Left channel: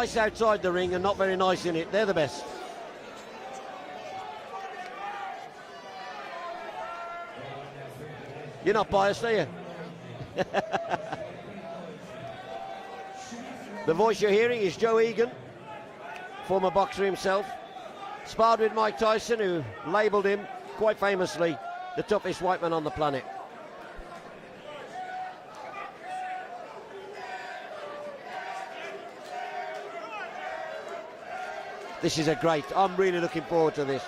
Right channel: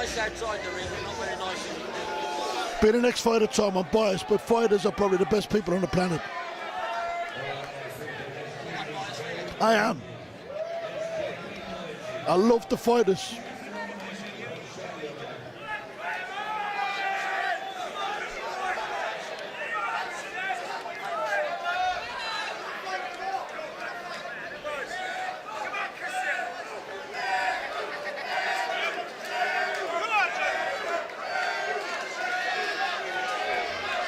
nice outside the ring and not very nice in it. They're the best. Being an ex-fighter, Tom, I'm biased, but fighters are probably the best people on the planet. You're not biased, are you? I am. I love the fighters. The voice you're hearing is Joe Egan, former boxer himself. Sparred with Mike Tyson, who labelled him, quite famously, the toughest white man on the planet. This is a great, I'm really looking forward to this.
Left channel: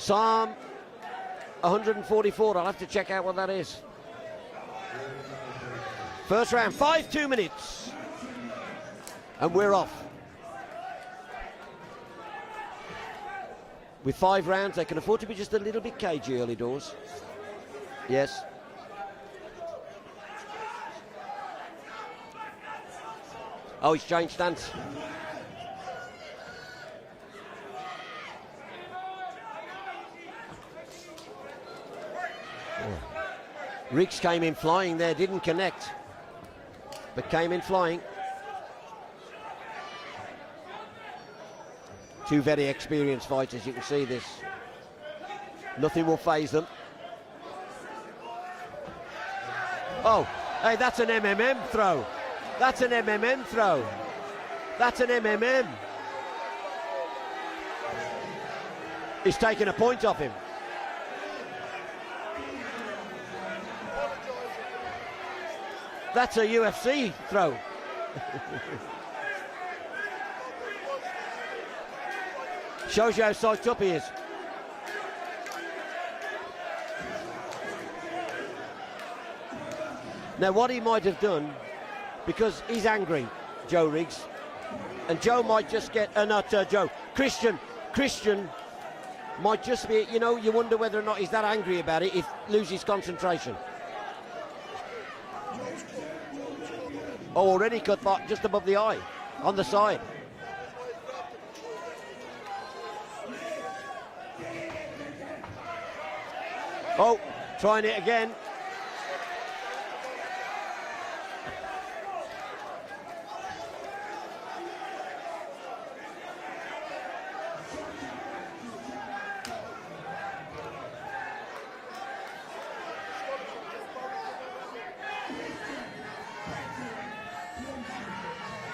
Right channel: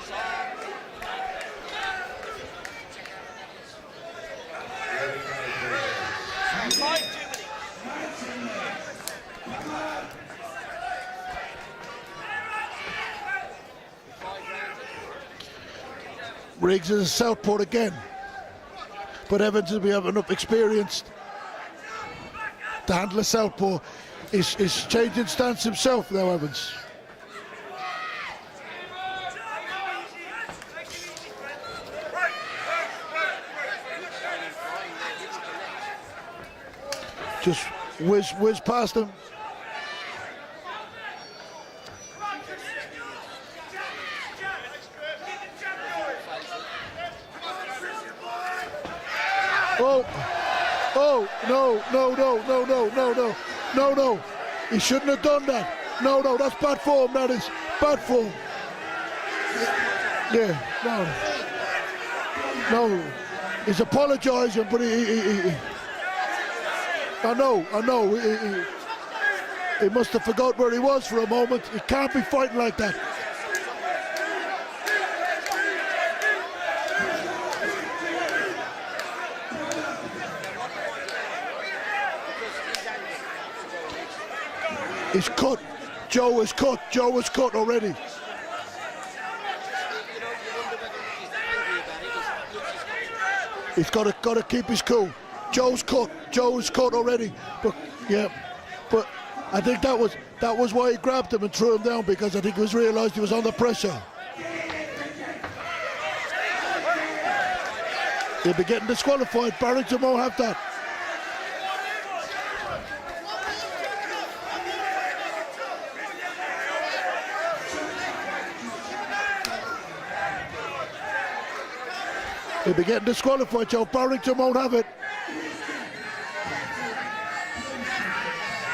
Psalm 144, I'll have to check out what that is. First round, 5 minutes. And we're off. With 5 rounds, they can afford to be just a little bit cagey early. Riggs is a southpaw again. Yes. But Evans will be having enough experience to handle a southpaw. Oh, he's changed stance. He's changing stance himself now, Evans. Riggs came in flying there, didn't connect. But came in flying. Whiz past him. Two very experienced fighters, you can see this. Nothing will faze them. Oh, hey, that's an MMM throw. That's an MMM throw. No, he shouldn't have done that. No, that's bad form, that is. Bad form. He's taking a point off him. Yeah, no. He's apologising, but he... That's a UFC throw. I know. He must have forgot where he was for a moment. He can't be fighting like that. Shows you how sized up he is. Now what he might have done, because he's angry, Joe Riggs, and he's Joe cut. might just get... Joe is cut. Joe is cut already. Christian might just be, you know, you wonder whether or not he's that angry about it, he loses concentration. He's got to keep his cool. Joe's cut. Joe's cut already. Oh, already cut, just above the eye. But I think that was why he grabbed him and threw him down, because I think he realised he was under pressure. Oh, trying it again. He'll be getting disqualified. Barrington won't have that. He'll be getting disqualified, Joe. Barrington won't have it.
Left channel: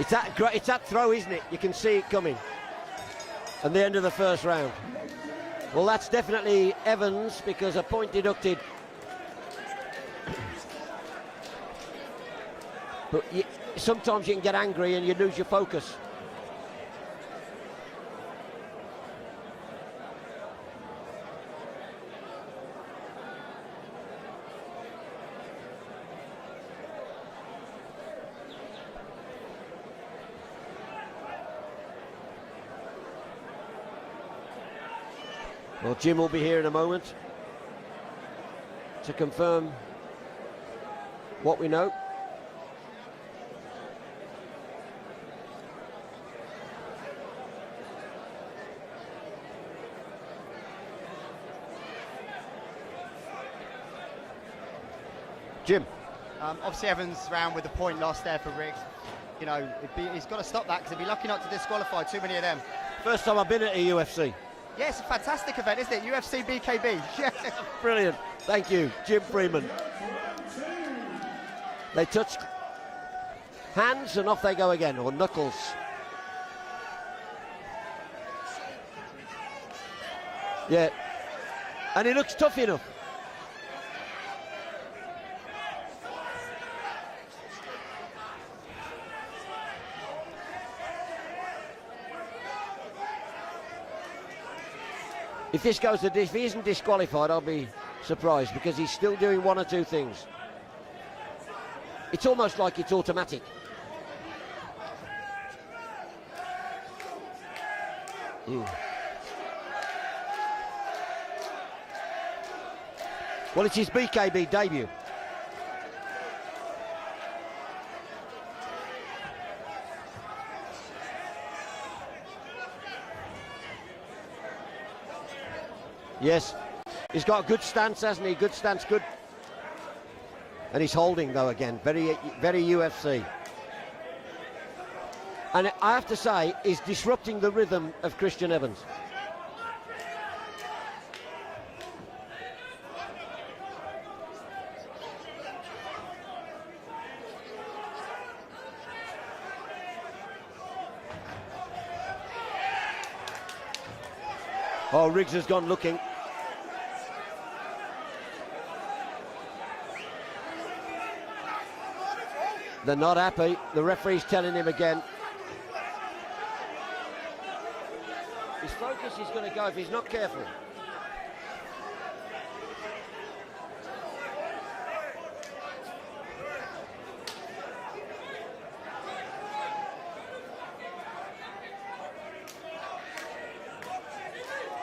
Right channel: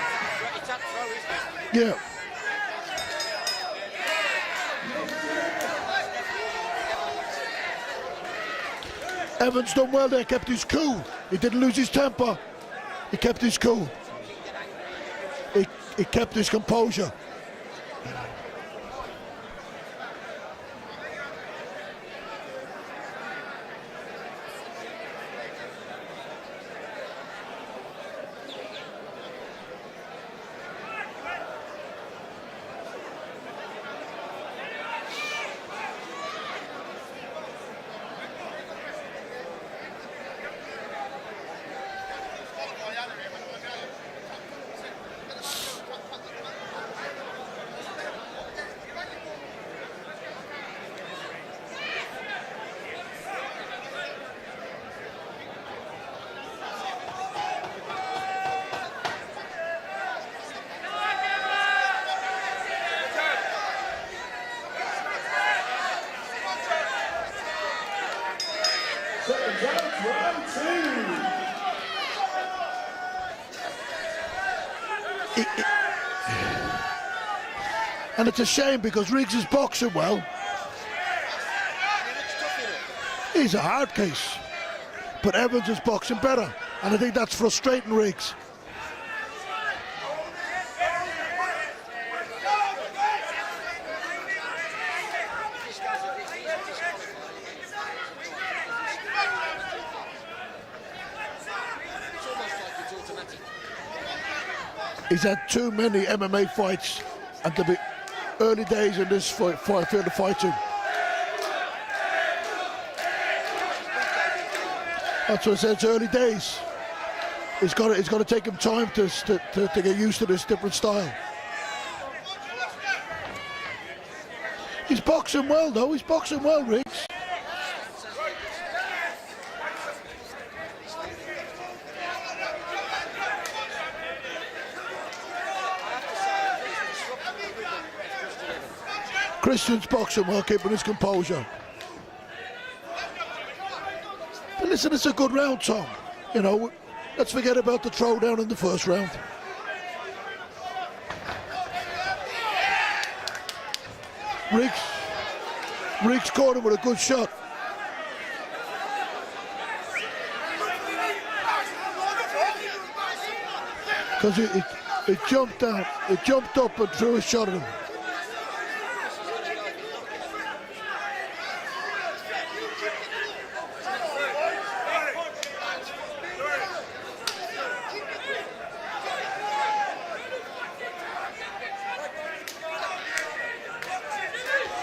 It's that throw, isn't it? You can see it coming. And the end of the first round. Well, that's definitely Evans, because a point deducted. Evans done well there, kept his cool. He didn't lose his temper. He kept his cool. Sometimes you can get angry and you lose your focus. He kept his composure. Well, Jim will be here in a moment to confirm what we know. Jim. Obviously Evans ran with a point last there for Riggs. You know, he's got to stop that, because he'll be lucky not to disqualify too many of them. First time I've been at a UFC. Yes, fantastic event, isn't it? UFC BKB. Brilliant. Thank you, Jim Freeman. They touched hands and off they go again, or knuckles. And it's a shame, because Riggs is boxing well. Yeah. And he looks tough enough. He's a hard case. But Evans is boxing better. And I think that's frustrating Riggs. If this goes to this, if he isn't disqualified, I'll be surprised, because he's still doing one or two things. It's almost like it's automatic. He's had too many MMA fights, and to be early days in this field of fighting. Well, it's his BKB debut. That's what I said, it's early days. It's got to take him time to get used to this different style. He's boxing well, though. He's boxing well, Riggs. He's got a good stance, hasn't he? Good stance, good. And he's holding, though, again. Very UFC. And I have to say, he's disrupting the rhythm of Christian Evans. Christian's boxing well, keeping his composure. But listen, it's a good round, Tom. You know, let's forget about the throwdown in the first round. Riggs. Oh, Riggs has gone looking. Riggs caught him with a good shot. They're not happy. The referee's telling him again. It jumped out. It jumped up and threw a shot at him. His focus is going to go if he's not careful.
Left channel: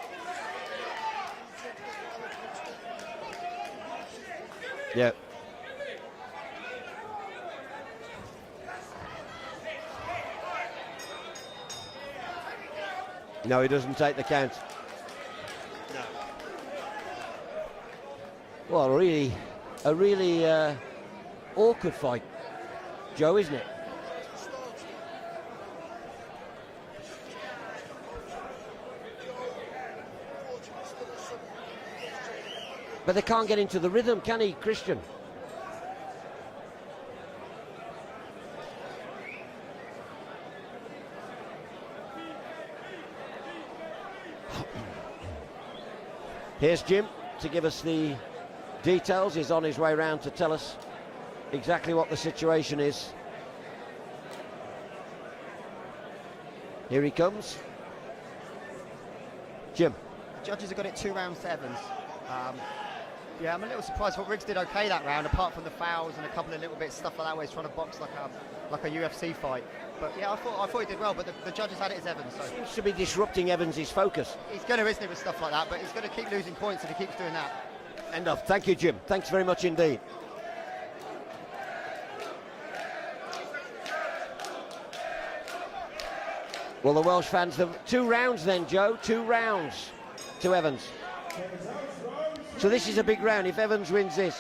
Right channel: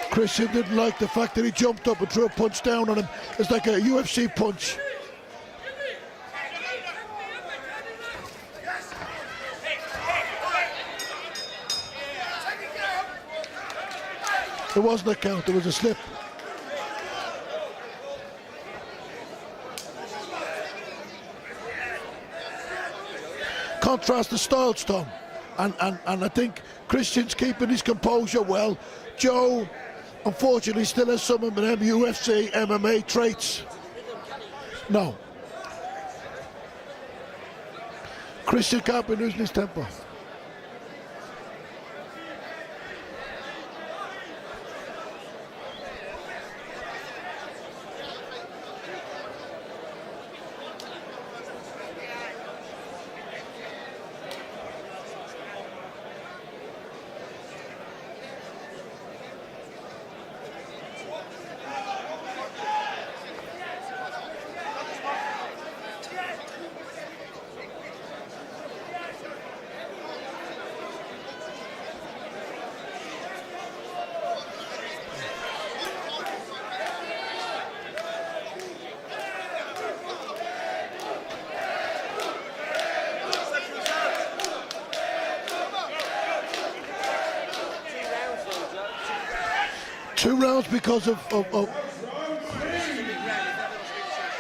Christian didn't like the fact that he jumped up and threw a punch down on him. It's like a UFC punch. Yeah. No, he doesn't take the count. It wasn't a count, it was a slip. Well, a really awkward fight, Joe, isn't it? Contrast the styles, Tom. And I think Christian's keeping his composure well. Joe, unfortunately, still has some of them UFC, MMA but traits. But he can't get into the rhythm, can he, Christian? No. Christian can't be losing his temper. Here's Jim to give us the details. He's on his way round to tell us exactly what the situation is. Here he comes. Jim. Judges have got it 2 round 7. Yeah, I'm a little surprised what Riggs did okay that round, apart from the fouls and a couple of little bits stuff like that where he's trying to box like a UFC fight. But yeah, I thought he did well, but the judges had it as Evans. Seems to be disrupting Evans' focus. He's going to risk it with stuff like that, but he's going to keep losing points if he keeps doing that. Enough. Thank you, Jim. Thanks very much indeed. Well, the Welsh fans have 2 rounds then, Joe. 2 rounds. 2 rounds because of... So this is a big round if Evans wins this.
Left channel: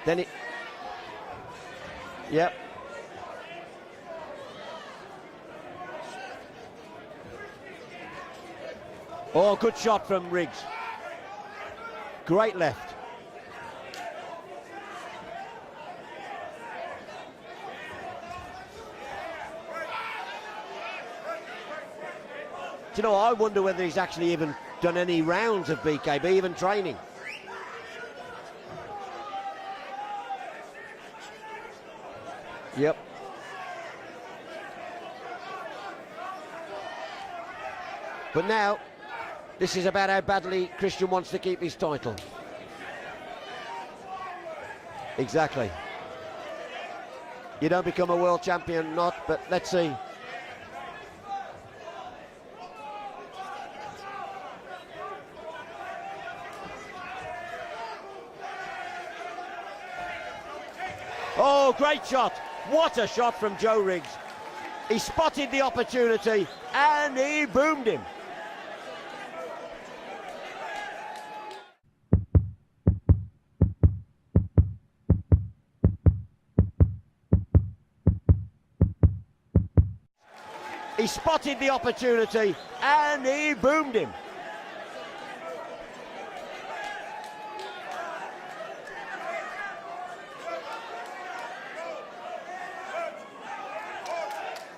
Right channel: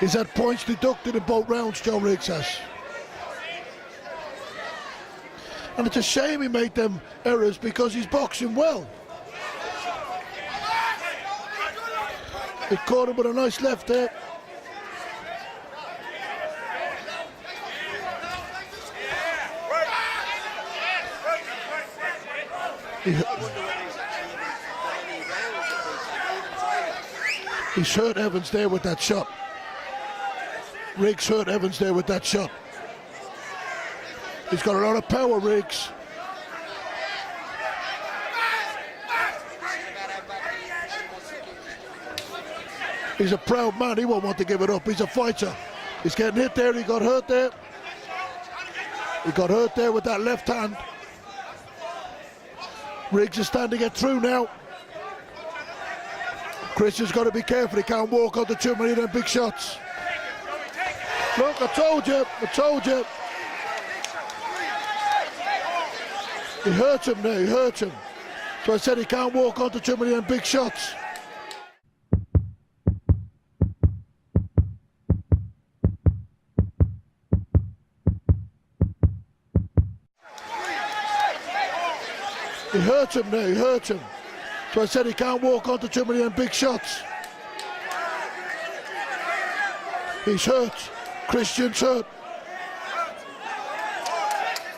He's had points deducted in both rounds, Joe Riggs has. Yep. And it's a shame he made them errors because he's boxing well. Oh, good shot from Riggs. Great left. He caught him with a nice left there. Do you know, I wonder whether he's actually even done any rounds of BKB, even training. He's hurt Evans there with that shot. Riggs hurt Evans there with that shot. Yep. He's got a lot of power, Riggs. But now, this is about how badly Christian wants to keep his title. He's a proud man, he won't want to give it up. He's a fighter. Exactly. He's getting hit there, he got hurt there. You don't become a world champion, not... He got hurt there with that left hand. Riggs is starting to get through now. Christian's got to be careful, he can't walk onto too many of them big shots. Oh, I told you, I told you. What a shot from Joe Riggs. He spotted the opportunity. He hurt him there, he hurt him. him. So I said he can't walk onto too many of them big shots. He spotted the opportunity. He hurt him there, he hurt him. him. So I said he can't walk onto too many of them big shots. He's hurt. Christian's hurt.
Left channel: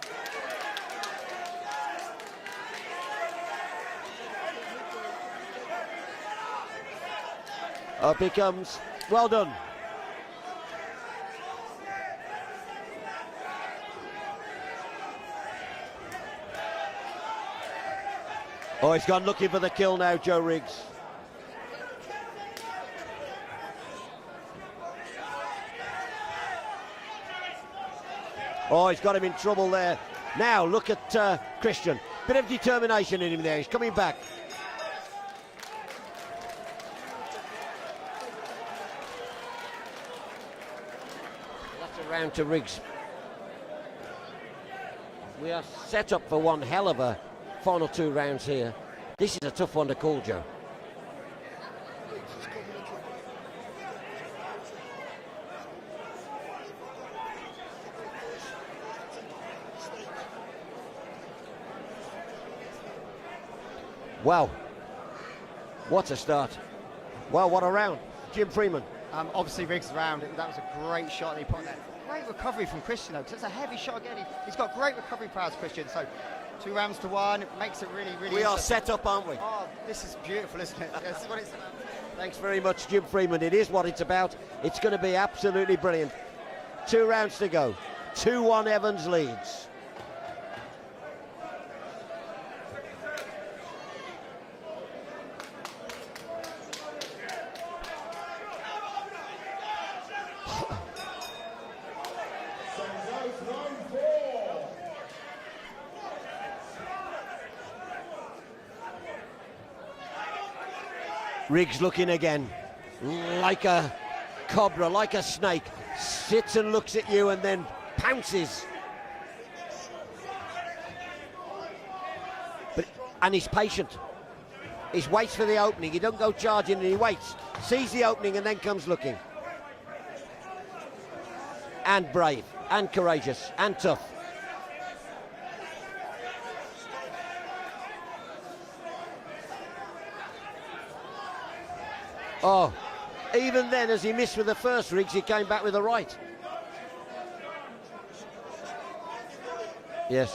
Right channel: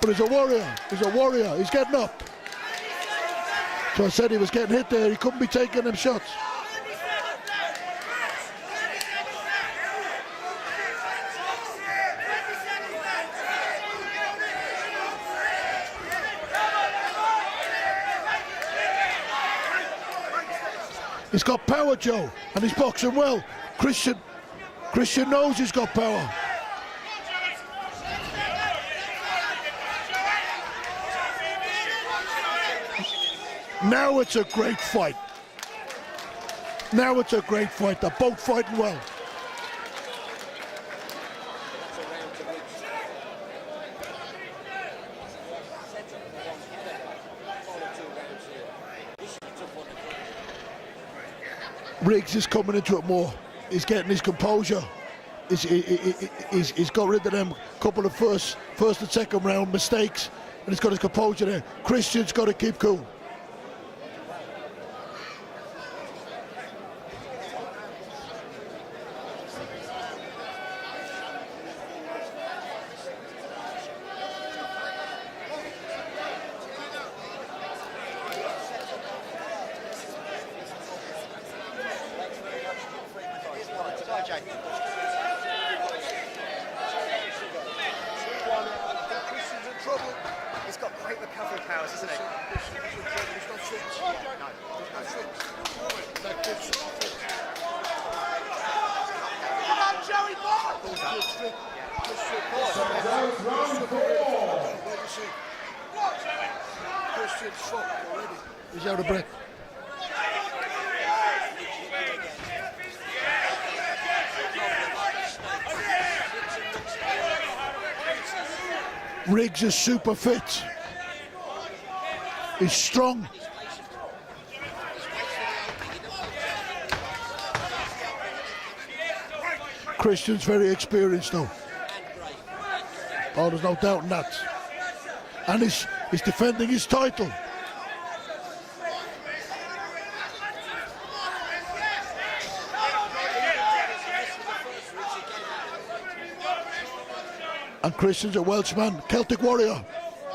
But he's a warrior. He's a warrior. He's getting up. So I said he was getting hit there. He couldn't be taking them shots. Up he comes. Well done. Oh, he's gone looking for the kill now, Joe Riggs. He's got power, Joe, and he's boxing well. Christian knows he's got power. Oh, he's got him in trouble there. Now, look at Christian. Bit of determination in him there. He's coming back. Now it's a great fight. Now it's a great fight. They're both fighting well. That's a round to Riggs. We are set up for one hell of a final 2 rounds here. This is a tough one to call, Joe. Riggs is coming into it more. He's getting his composure. he's got rid of them couple of first and second round mistakes, and he's got his composure there. Christian's got to keep cool. Wow, what a start. Well, what a round. Jim Freeman. Obviously, Riggs round. That was a great shot. He put great recovery from Christian, though, 'cause it's a heavy shot. He's got great recovery powers, Christian. So 2 rounds to 1. It makes it really. We are set up, aren't we? Oh, this is beautiful, isn't it? That's what it's about. Thanks very much, Jim Freeman. It is what it's about. It's going to be absolutely brilliant. 2 rounds to go. 2-1 Evans leads. He's got great recovery powers, isn't it? He's out of breath. Riggs looking again, like a cobra, like a snake. Sits and looks at you and then pounces. Riggs is super fit. He's strong. And he's patient. He waits for the opening. He don't go charging, he waits. Sees the opening and then comes looking. Christian's very experienced though. And brave, and courageous, Oh, there's no and doubt tough. in that. And he's defending his title. Oh, even then, as he missed with the first Riggs, he came back with the right. And Christian's a Welshman, Celtic warrior. Yes.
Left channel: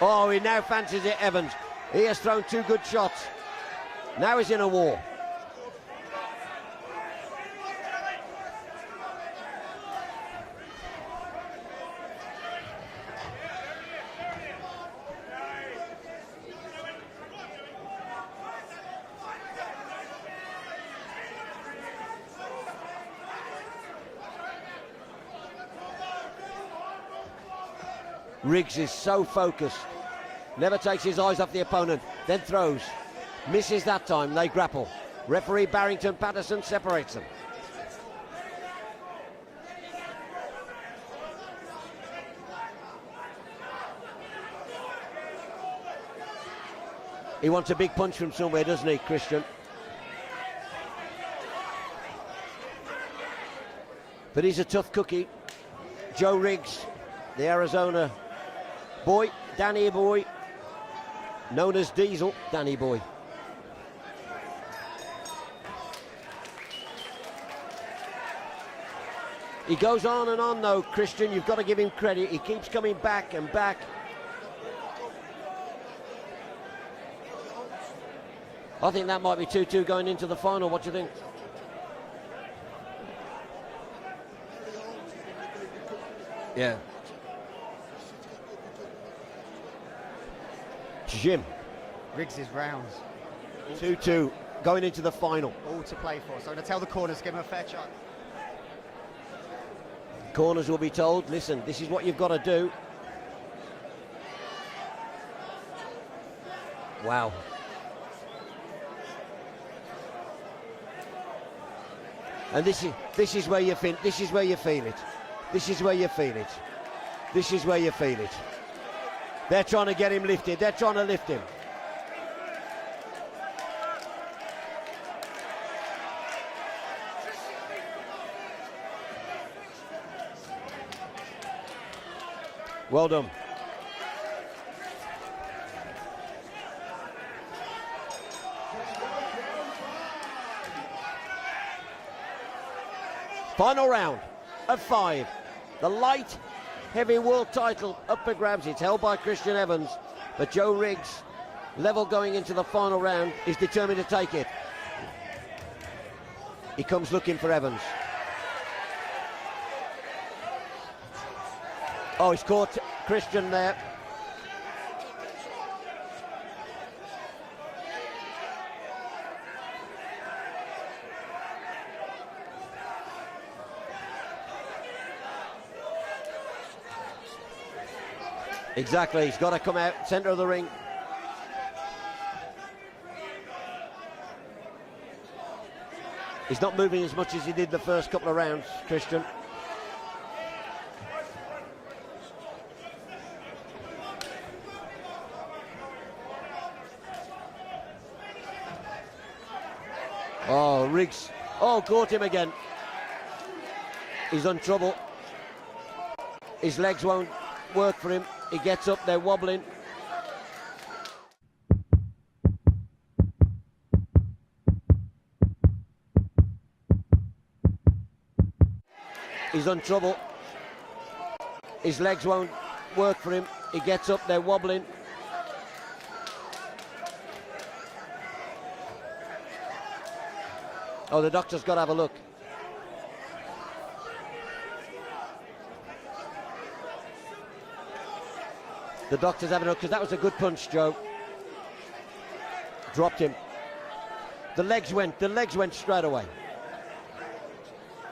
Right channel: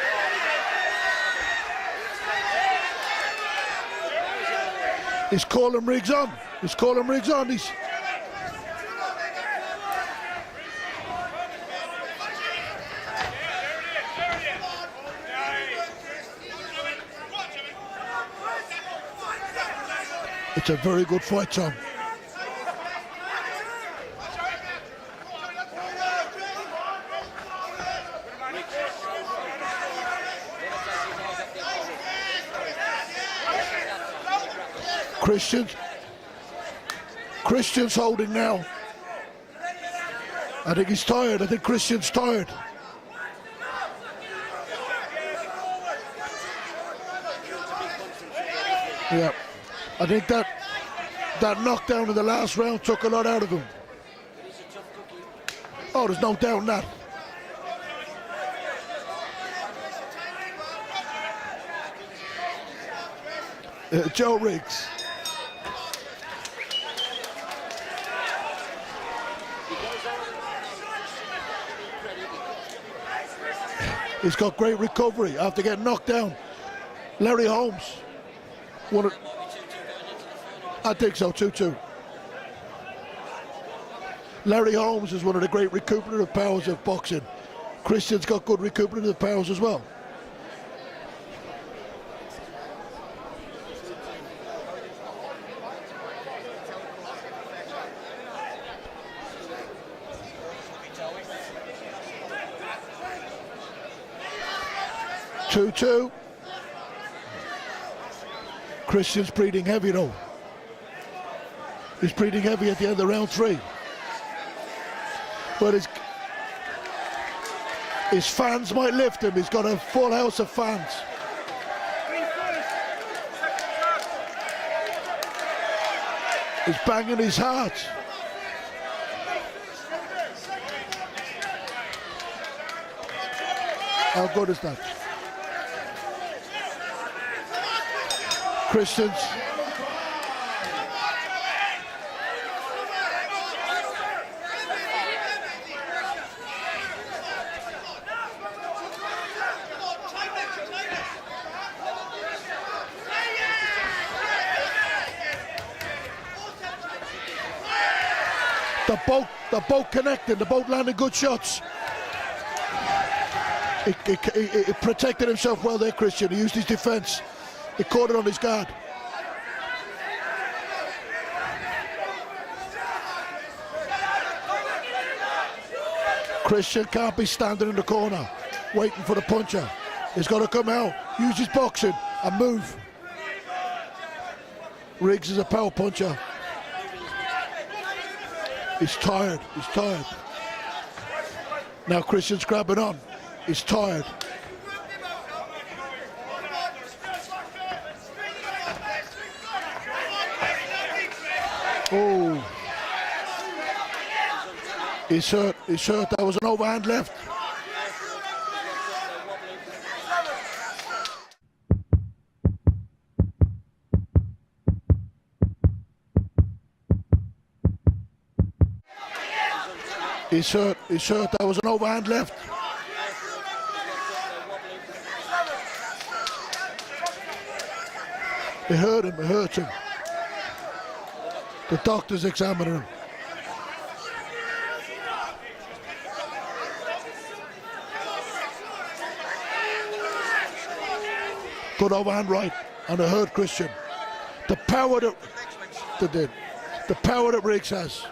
Oh, he now fancies it, Evan. He has thrown 2 good shots. Now he's in a war. He's calling Riggs on. He's calling Riggs on. It's a very good fight, Tom. Riggs is so focused. Never takes his eyes off the opponent. Then throws. Misses that time. They grapple. Christian. Referee Barrington Patterson separates them. Christian's holding now. I think he's tired. I think Christian's tired. He wants a big punch from somewhere, doesn't he, Christian? Yeah. I think that knockdown in the last round took a lot out of him. But he's a tough cookie. Oh, there's Joe no doubt in Riggs, that. the Arizona boy, Danny boy, known as Diesel, Danny boy. Joe Riggs. He goes on and on though, Christian, you've got to give him credit. He keeps coming back and back. He's got great recovery after getting knocked down. Larry Holmes. I think that might be 2-2 going into the final. What do you I think so, 2-2. Larry Holmes is one of the great recuperative powers of boxing. Christian's got good recuperative powers as well. Jim. Riggs is round. 2-2 going into the final. All to play for. So to tell the corners, give him a fair shot. Corners will be told, listen, this is what you've got to do. 2-2. Wow. Christian's breathing heavy though. He's breathing heavy at the end of the round 3. This is where you feel it. This is where you feel it. This is where you feel it. This is where you feel it. His fans might lift him. He's got a full house of fans. They're trying to lift him. He's banging his heart. Well done. How good is that? Christians. Final round of 5. The light heavy world title up for grabs. It's held by Christian Evans. But Joe Riggs, level going into the final round, is determined to take it. He comes looking for Evans. The boat connected. The boat landed good shots. Oh, he's caught Christian there. He protected himself well there, Christian. He used his defense. He caught it on his guard. Christian can't be standing in the corner waiting for the puncher. He's got to come out. He's got to come out, use his boxing and move. Riggs is a power puncher. He's not moving as much as he did the first couple of rounds. He's tired. He's tired. Now Christian's grabbing on. He's tired. Riggs. Oh, caught him again. He's in trouble. He's hurt. That was an overhand His legs left. won't work for him. He gets up, they're wobbling. He's in trouble. He's hurt. That was an overhand His legs left. won't work for him. He gets up, they're wobbling. It hurt him. Oh, the doctor's got The to have doctor's examining him. The doctor's having a look. That was a good punch, Joe. Good overhand right. And Dropped I hurt him. Christian. The legs went straight away. did. The power that Riggs has.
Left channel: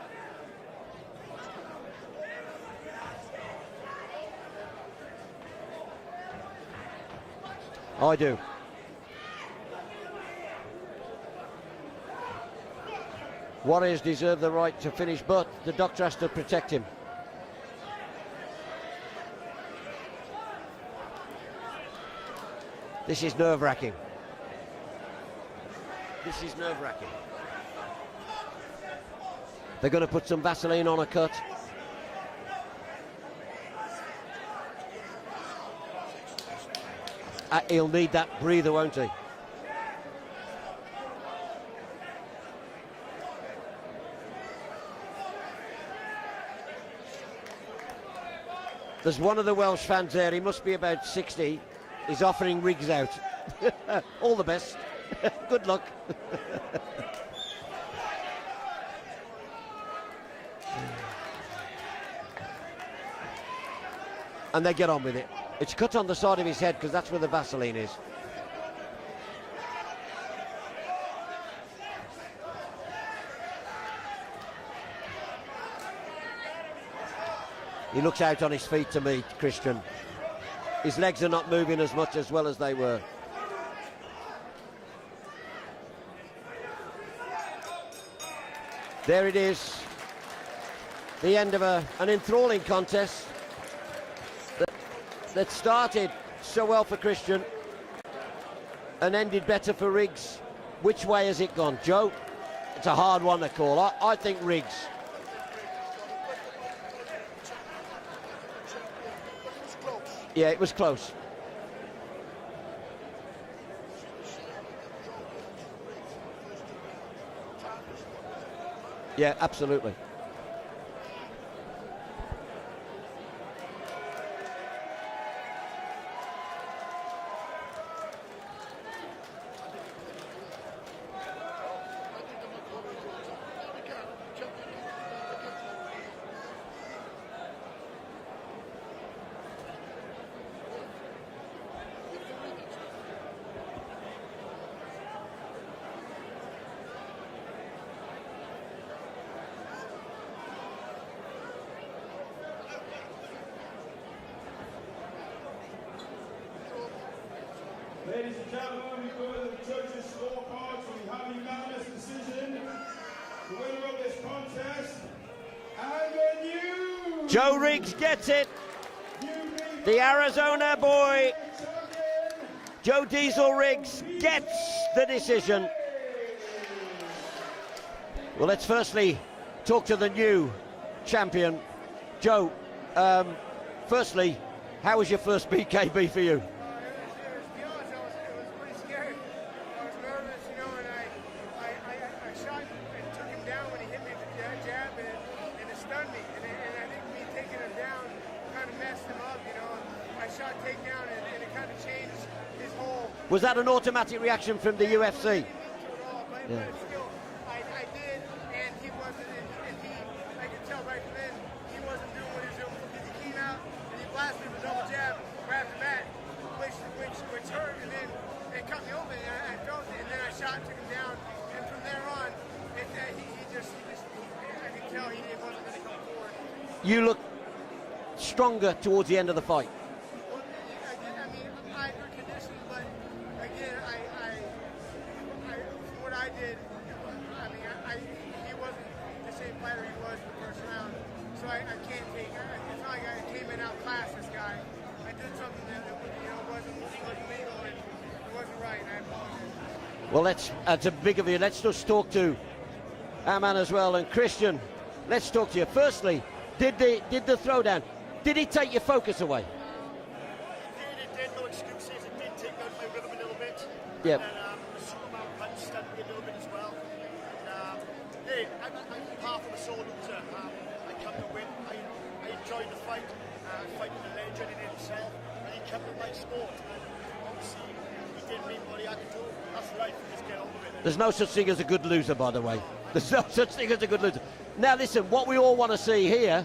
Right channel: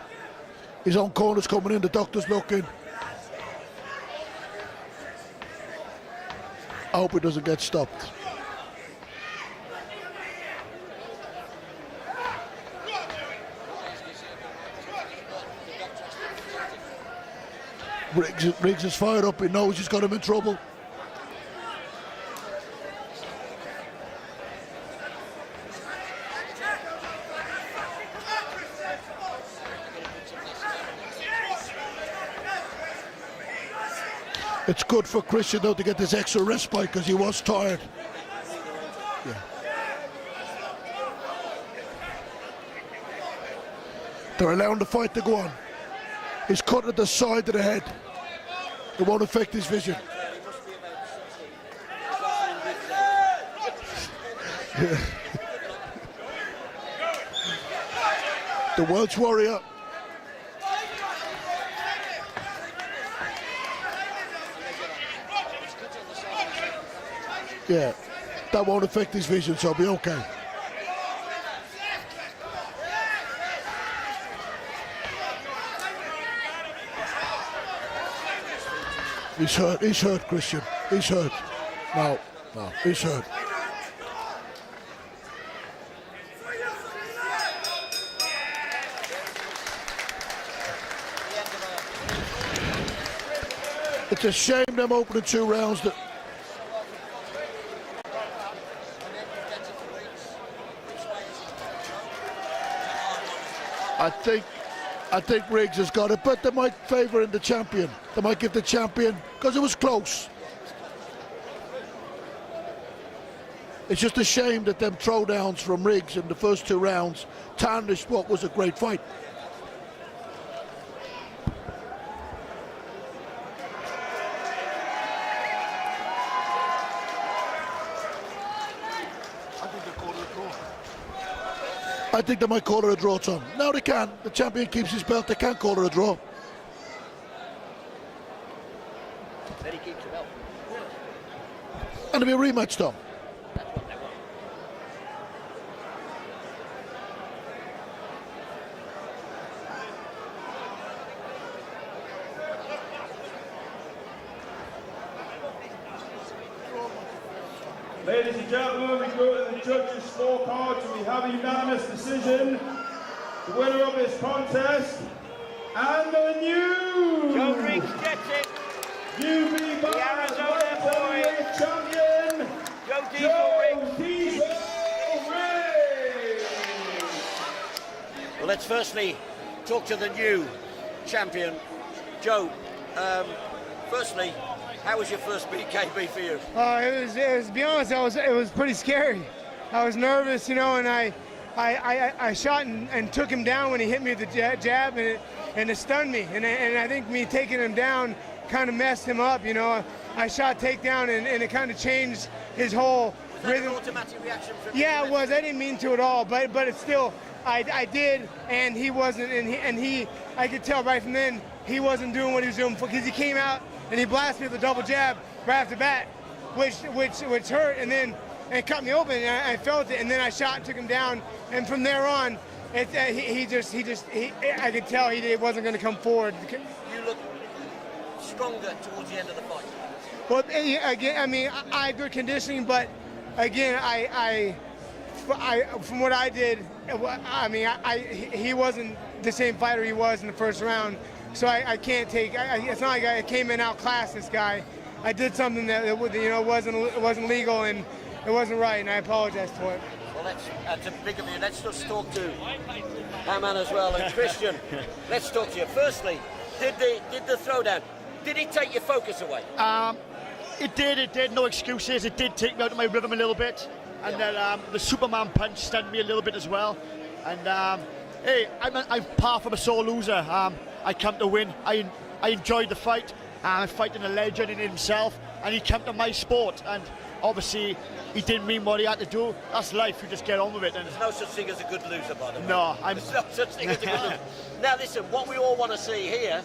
His own corner's coming in. The doctor's looking. I hope it doesn't get stopped. I do. Warriors deserve the right to finish, but the doctor has to protect him. Riggs is fired up. He knows he's got him in trouble. This is nerve-wracking. They're going to put some Vaseline on a cut. It's good for Christian though to get this extra respite because he was tired. He'll need that breather, won't he? Yeah. They're allowing the fight to go on. He's cut at the side of the head. It There's won't one of affect the his Welsh vision. fans there, he must be about 60. He's offering Riggs out. All the best. Good luck. The Welsh warrior. And they get on with it. It's cut on the side of his head because that's where the Vaseline Yeah. is. That won't affect his vision, so he'll be okay. He looks out on his feet to me. He's hurt, Christian. His He's legs hurt. are not moving as much as well as they were. He's hurt. There it is. The end of an enthralling contest. It's a shame them opening two It rounds. started so well for Christian and ended better for Riggs. Which way has it gone, Joe? It's a hard one to call. I think Riggs. I think Riggs has got it, but they might favour in the champion. They might give the champion, because it was close. Yeah, it was close. It's just a shame that them throwdowns from Riggs in the first two rounds tarnished what was a great fight. Yeah, absolutely. I think they might call it a draw, Tom. No, they can't. The champion keeps his belt. They can't call it a draw. And it'll be a rematch, Tom. Ladies and gentlemen, we go to the judges' scorecards. We have a unanimous decision. The winner of this contest, and the new Joe Riggs gets it. UB The Arizona boy, champion, Joe Diesel Riggs, gets the decision. Well, let's firstly talk to the new champion. Joe, firstly, how was your first BKB for you? It was, to be honest, it was pretty scary. I was nervous, you know, and I shot and took him down when he hit me with the jab, and it stunned me. And I think me taking him down kind of messed him up, you know. I shot takedown, and it kind of changed his whole... Was that an automatic reaction from the UFC? Yeah, it was. I didn't mean to at all, but it's still, I did, and he wasn't, and he I could tell right from then he wasn't doing what he was doing, because he came out and he blasted me with a double jab right off the bat, which hurt, and then cut me open, and I felt it, and then I shot and took him down, and from there on, I could tell he wasn't going to come forward. You look stronger towards the end of the fight. Well, again, I mean, I had good conditioning, but again, I from what I did, I mean, he wasn't the same fighter he was in the first round, so I can't take. It's not like I came in outclassed this guy. I did something that you know wasn't legal and it wasn't right, and I apologize for it. Well, that's a big of you. Let's just talk to Aman as well. And Christian, let's talk to you. Firstly, did the throwdown, did he take your focus away? It did, no excuses. It did take me out of my rhythm a little bit. And Yeah. then the Superman punch stunned me a little bit as well. And hey, I'm far from a sore loser. I come to win. I enjoyed the fight. I'm fighting a legend in himself, and he came to my sport. And obviously, he didn't mean what he had to do. That's life. You just get on with it. There's no such thing as a good loser, by the way. No, there's no such thing as a good loser. Now listen, what we all want to see here,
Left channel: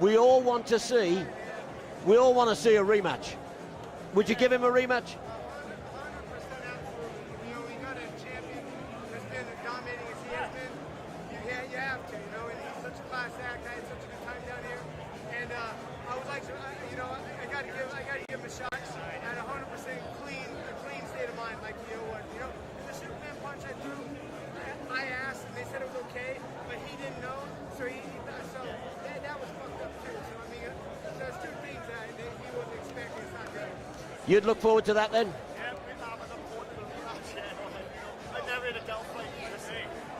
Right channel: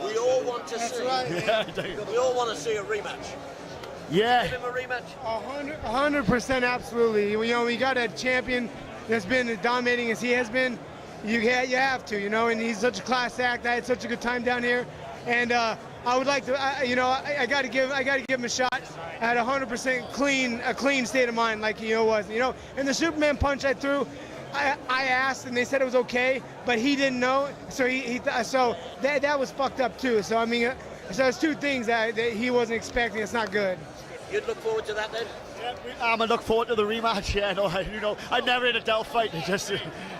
we all want to see a rematch. Would you give him a rematch? 100% absolutely. You know, we got a champion that's been dominating as he has been. You have to, you know, and he's such a class act. I had such a good time down here, and I would like to, I got to give him a shot at 100% clean state of mind, like he was. You know, and the Superman punch I threw, I asked and they said it was okay, but he didn't know, so so that was fucked up too. So I mean, so there's two things that he wasn't expecting. It's not good. You'd look forward to that then? I look forward to the rematch. Yeah, no, I never in a Dell fight. Just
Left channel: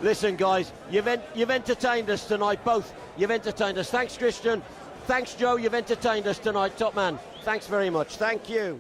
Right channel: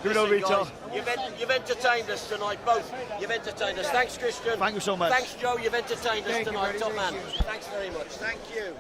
listen, guys, you've entertained us tonight, both. You've entertained us. Thanks, Christian. Thank you so much. Thanks, Joe. You've entertained us tonight, top man. Thanks very much. Thank you.